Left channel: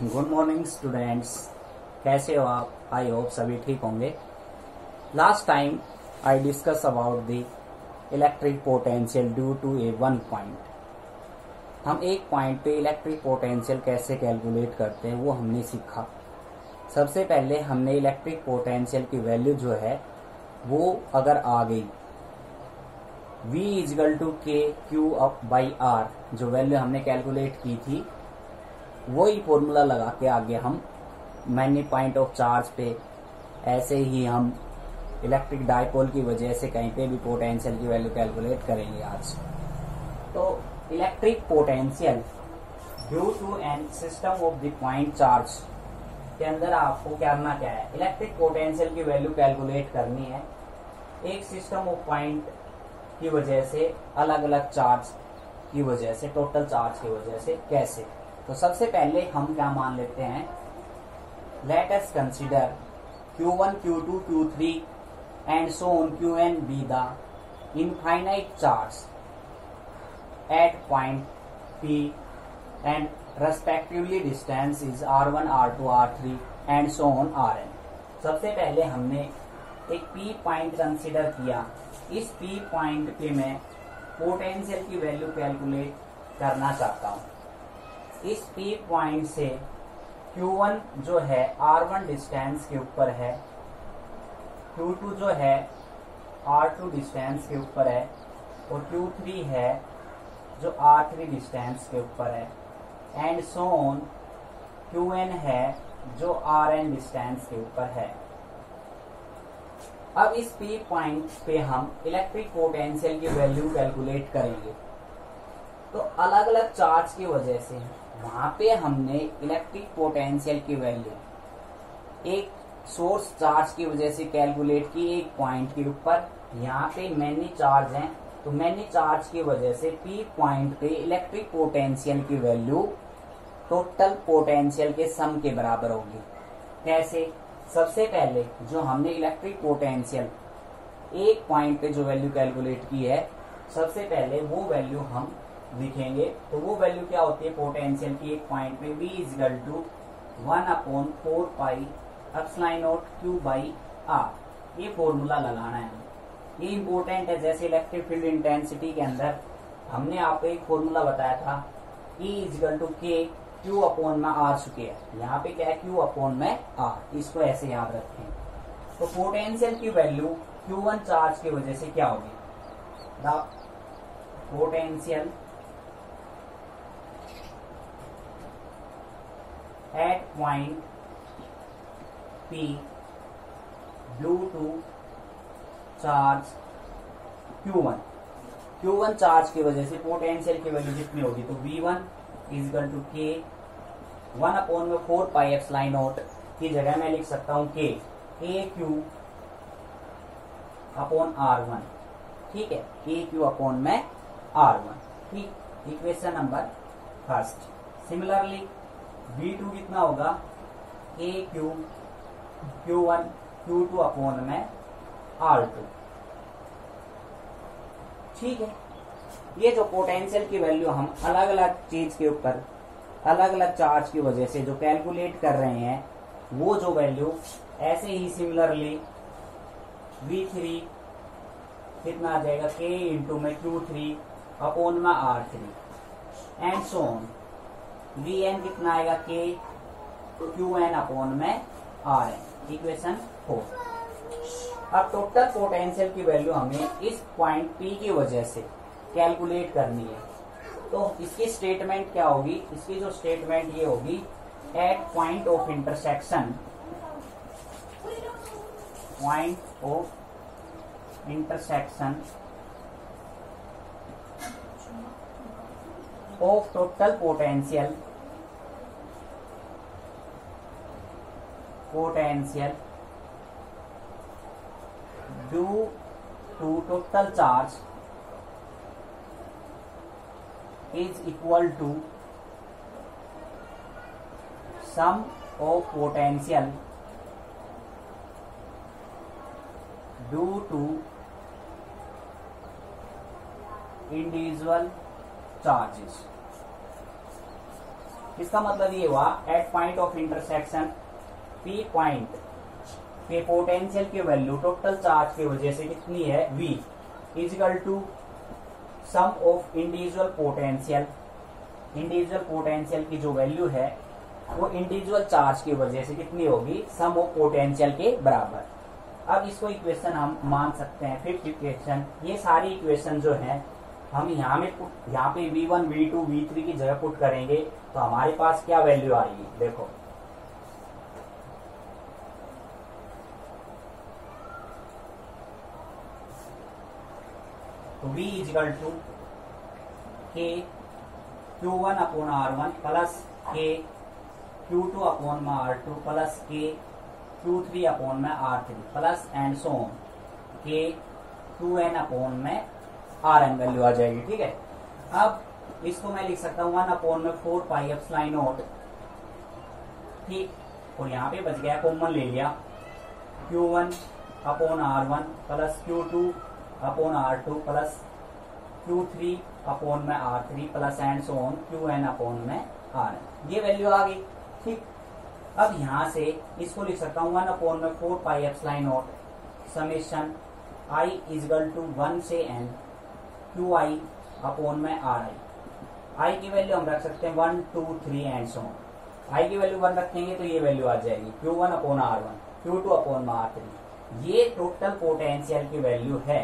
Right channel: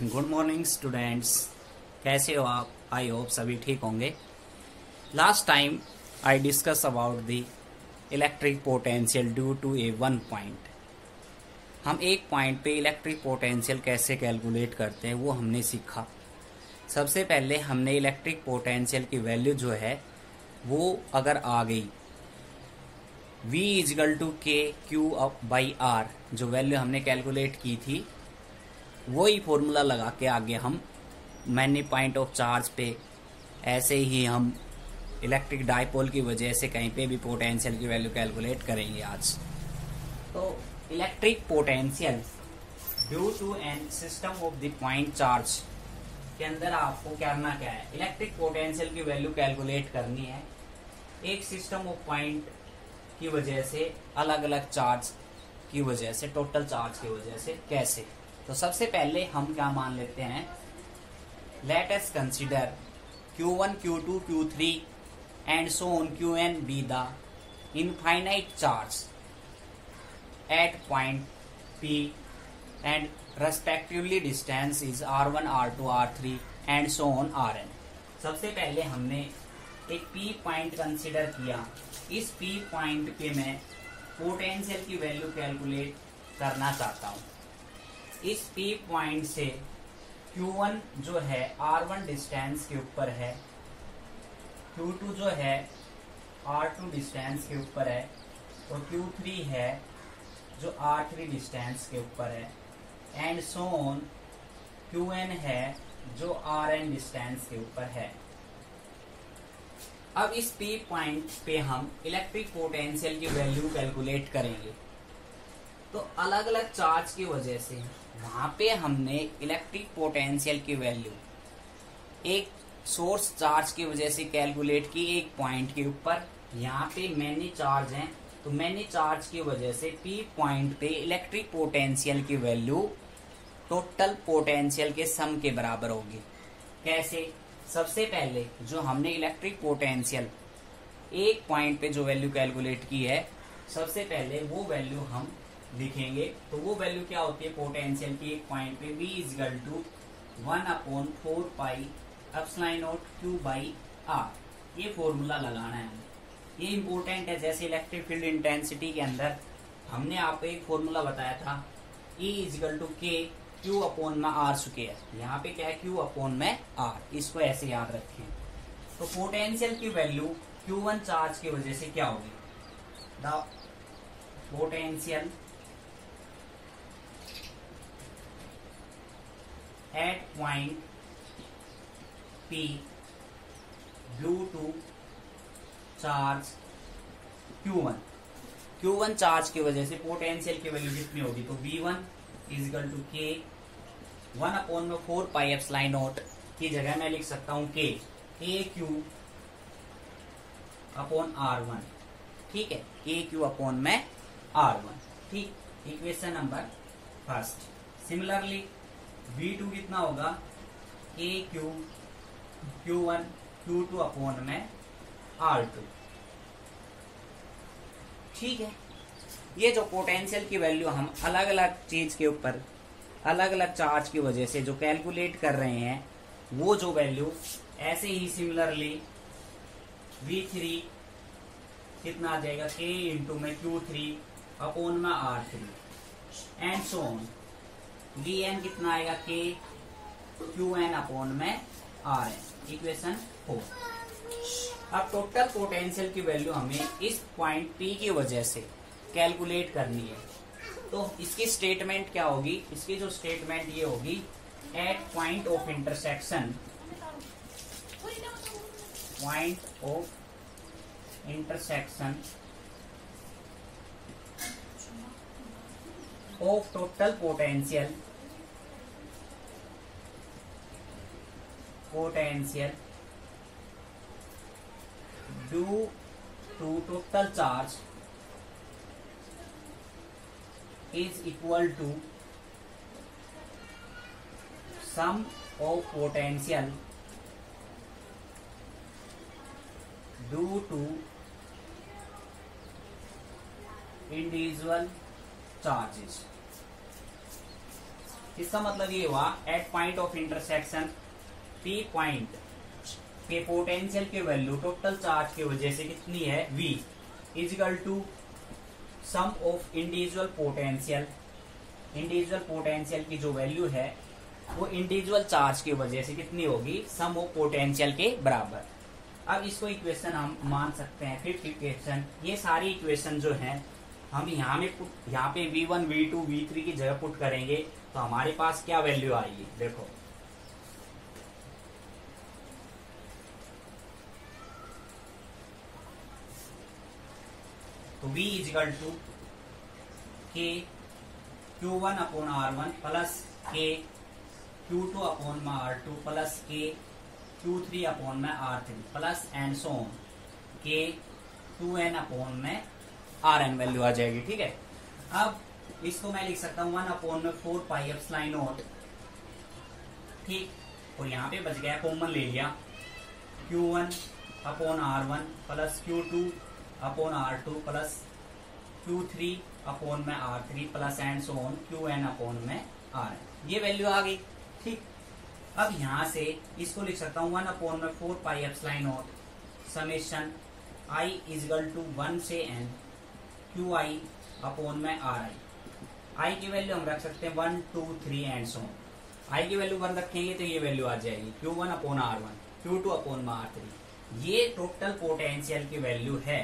Good morning students. कैसे हो आप? आई होप सभी ठीक होंगे। Last time I discuss about the electric potential due to a one point. हम एक पॉइंट पे इलेक्ट्रिक पोटेंशियल कैसे कैलकुलेट करते हैं वो हमने सीखा। सबसे पहले हमने इलेक्ट्रिक पोटेंशियल की वैल्यू जो है वो अगर आ गई V इजगल टू के क्यू अप बाई आर, जो वैल्यू हमने कैलकुलेट की थी वही फॉर्मूला लगा के आगे हम मैनी पॉइंट ऑफ चार्ज पे ऐसे ही हम इलेक्ट्रिक डाइपोल की वजह से कहीं पे भी पोटेंशियल की वैल्यू कैलकुलेट करेंगे आज। तो electric potential due to an system of the point charge के अंदर आपको करना क्या है, इलेक्ट्रिक पोटेंशियल की वैल्यू कैलकुलेट करनी है एक सिस्टम ऑफ पॉइंट की वजह से, अलग अलग चार्ज की वजह से, टोटल चार्ज की वजह से। कैसे? तो सबसे पहले हम क्या मान लेते हैं, let us consider Q1, Q2, Q3 and so on Qn be the infinite charge at point P and respectively distance is R1, R2, R3 and so on Rn। सबसे पहले हमने एक P पॉइंट कंसीडर किया। इस P point पे मैं potential की value calculate करना चाहता हूँ। इस P पॉइंट से Q1 जो है R1 डिस्टेंस के ऊपर है, Q2 जो है R2 डिस्टेंस के ऊपर है और Q3 है जो R3 डिस्टेंस के ऊपर है एंड सो ऑन Qn है जो Rn डिस्टेंस के ऊपर है। अब इस P पॉइंट पे हम इलेक्ट्रिक पोटेंशियल की वैल्यू कैलकुलेट करेंगे। तो अलग अलग चार्ज की वजह से वहां पे हमने इलेक्ट्रिक पोटेंशियल की वैल्यू एक सोर्स चार्ज की वजह से कैलकुलेट की एक पॉइंट के ऊपर। यहाँ पे मैनी चार्ज हैं तो मैनी चार्ज की वजह से P पॉइंट पे इलेक्ट्रिक पोटेंशियल की वैल्यू टोटल पोटेंशियल के सम के बराबर होगी। कैसे? सबसे पहले जो हमने इलेक्ट्रिक पोटेंशियल एक पॉइंट पे जो वैल्यू कैलकुलेट की है, सबसे पहले वो वैल्यू हम लिखेंगे। तो वो वैल्यू क्या होती है पोटेंशियल की एक पॉइंट पे, V equal to 1/4 pi epsilon not Q by R। ये फॉर्मूला लगाना है हमें, ये इंपॉर्टेंट है। जैसे इलेक्ट्रिक फील्ड इंटेंसिटी के अंदर हमने आपको एक फॉर्मूला बताया था E इजगल टू के Q अपॉन में R स्क्वायर। यहाँ पे क्या है Q अपॉन में R, इसको ऐसे याद रखें। तो पोटेंशियल की वैल्यू Q1 चार्ज की वजह से क्या होगी, the potential at point P due to charge Q1 charge की वजह से पोटेंशियल की वैल्यू कितनी होगी, तो V1 इजगल टू के 1/4 पाई एप्सिलॉन नॉट की जगह मैं लिख सकता हूँ के Q अपॉन R1। ठीक है, Q अपॉन में R1। ठीक, equation number first. Similarly V2 कितना होगा, Q1 Q2 अपॉन में R2। ठीक है, ये जो पोटेंशियल की वैल्यू हम अलग अलग चीज के ऊपर अलग अलग चार्ज की वजह से जो कैलकुलेट कर रहे हैं, वो जो वैल्यू ऐसे ही सिमिलरली V3 कितना आ जाएगा, K इंटू में Q3 अपॉन में R3 and so on. Vn कितना आएगा, K Qn अपॉन में Rn। इक्वेशन 4। अब टोटल पोटेंशियल की वैल्यू हमें इस पॉइंट P की वजह से कैलकुलेट करनी है। तो इसकी स्टेटमेंट क्या होगी, इसकी जो स्टेटमेंट ये होगी, at point of intersection of total potential due to total charge is equal to sum of potential due to individual charges। इसका मतलब ये हुआ at point of intersection P point के पोटेंशियल की वैल्यू टोटल चार्ज की वजह से कितनी है, V equal to sum of individual potential. Individual potential की जो वैल्यू है वो इंडिविजुअल चार्ज की वजह से कितनी होगी, सम ऑफ पोटेंशियल के बराबर। अब इसको इक्वेशन हम मान सकते हैं, फिफ्थ इक्वेशन। ये सारी इक्वेशन जो है हम यहाँ पे V1 V2 V3 की जगह पुट करेंगे तो हमारे पास क्या वैल्यू आएगी, देखो तो V इजिकल टू के Q1 अपॉन R1 प्लस के Q2 अपॉन में R2 प्लस के Q3 अपॉन में R3 plus and so on के Qn अपॉन में Rn वैल्यू आ जाएगी। ठीक है, अब इसको मैं लिख सकता हूँ 1 अपॉन में 4 पाई एप्सिलॉन नॉट। ठीक, और यहाँ पे बच गया, कॉमन ले लिया, Q1 upon R1 plus Q2 upon R2 plus Q3 upon में R3 plus and so on Qn upon में Rn। ये वैल्यू आ गई। ठीक, अब यहाँ से इसको लिख सकता हूँ 1 अपॉन में 4 pi epsilon not summation I equal to 1 से n QI अपॉन में RI। I की वैल्यू हम रख सकते हैं 1 2 3 एंड सो ऑन। I की वैल्यू 1 रखेंगे तो ये वैल्यू आ जाएगी Q1 upon R1 Q2 upon में R3। ये टोटल पोटेंशियल की वैल्यू है।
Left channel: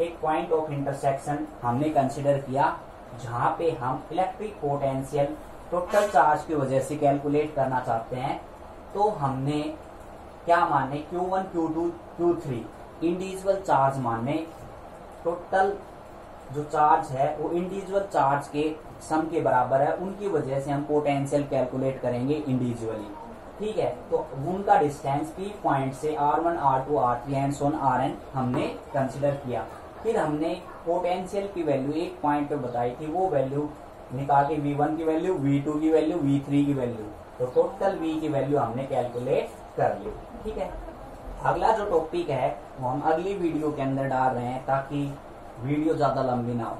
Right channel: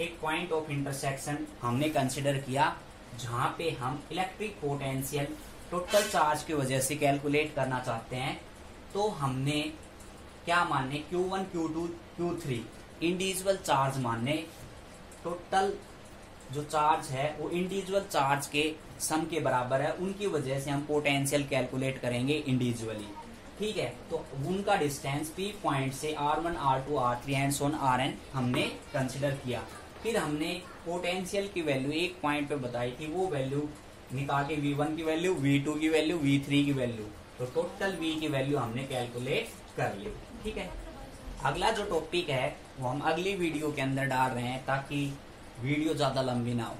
एक पॉइंट ऑफ इंटरसेक्शन हमने कंसिडर किया जहां पे हम इलेक्ट्रिक पोटेंशियल टोटल चार्ज की वजह से कैलकुलेट करना चाहते हैं। तो हमने क्या माने, Q1 Q2 Q3 individual charge माने। टोटल जो चार्ज है वो इंडिविजुअल चार्ज के सम के बराबर है, उनकी वजह से हम पोटेंशियल कैलकुलेट करेंगे इंडिविजुअली। ठीक है, तो उनका डिस्टेंस P पॉइंट से R1 R2 R3 and so on Rn हमने कंसिडर किया। फिर हमने पोटेंशियल की वैल्यू एक पॉइंट पे बताई थी, वो वैल्यू निकाल के V1 की वैल्यू, V2 की वैल्यू, V3 की वैल्यू, तो टोटल V की वैल्यू हमने कैलकुलेट कर ली। ठीक है, अगला जो टॉपिक है वो हम अगली वीडियो के अंदर डाल रहे हैं ताकि वीडियो ज्यादा लंबी ना हो।